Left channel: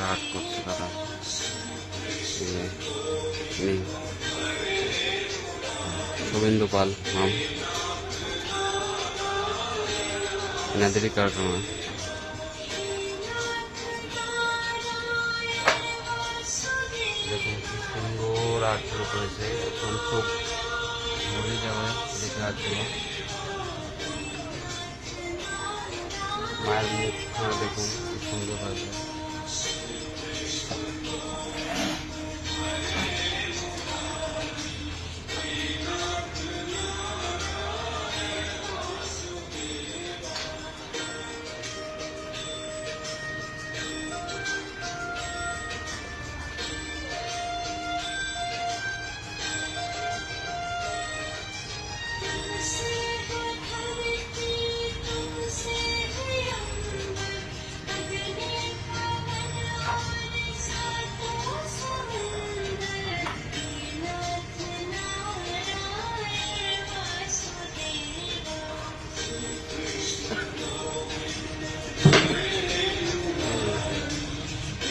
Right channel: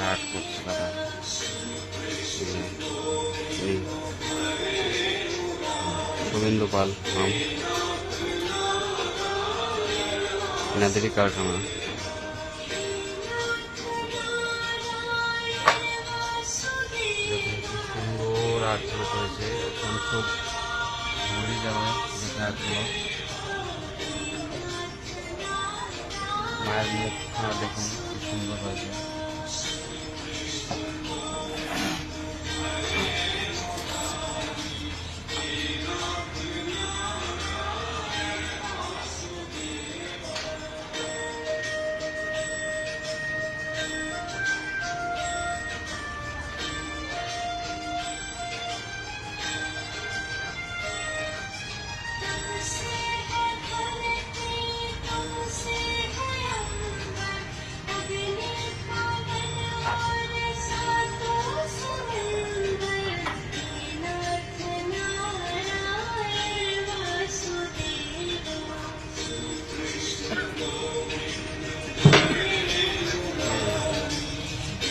করে আর্ট করছে তারা। শুভেন্দু পাল নাম, এনাদেরই কারখানা। দেখুন কি সুন্দর আর্টগুলো করেছে, একদম চোখ ভরে যাবে দেখে আর্টগুলো। মায়ের মুখখানা দেখুন কি সুন্দর হয়েছে।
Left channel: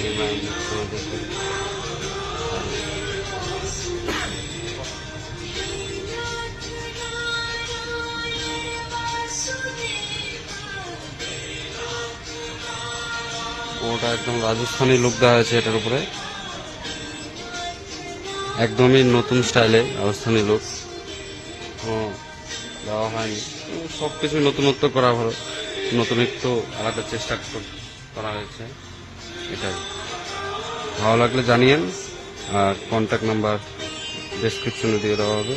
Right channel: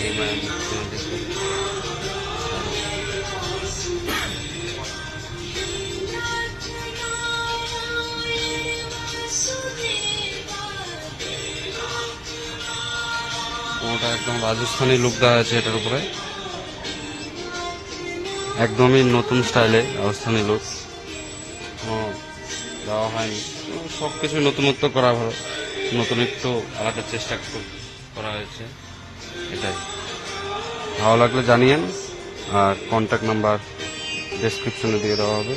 এই মায়ের মুখখানা দেখুন। ওটা একদম রাজস্থানি লুক দেওয়া হয়েছে এটার উপরে, একদমই নতুন স্টাইলে রাজস্থানি লুক দেওয়া হয়নি। তো সব কিছু নতুনত্ব করা হবে, নতুনত্ব আলাদা চেষ্টা করা হয়েছে। এটাই ভালো লাগলে জানিয়েন, আর কন্ট্যাক্ট নাম্বার ডেসক্রিপশনে দিয়ে দেওয়া হবে।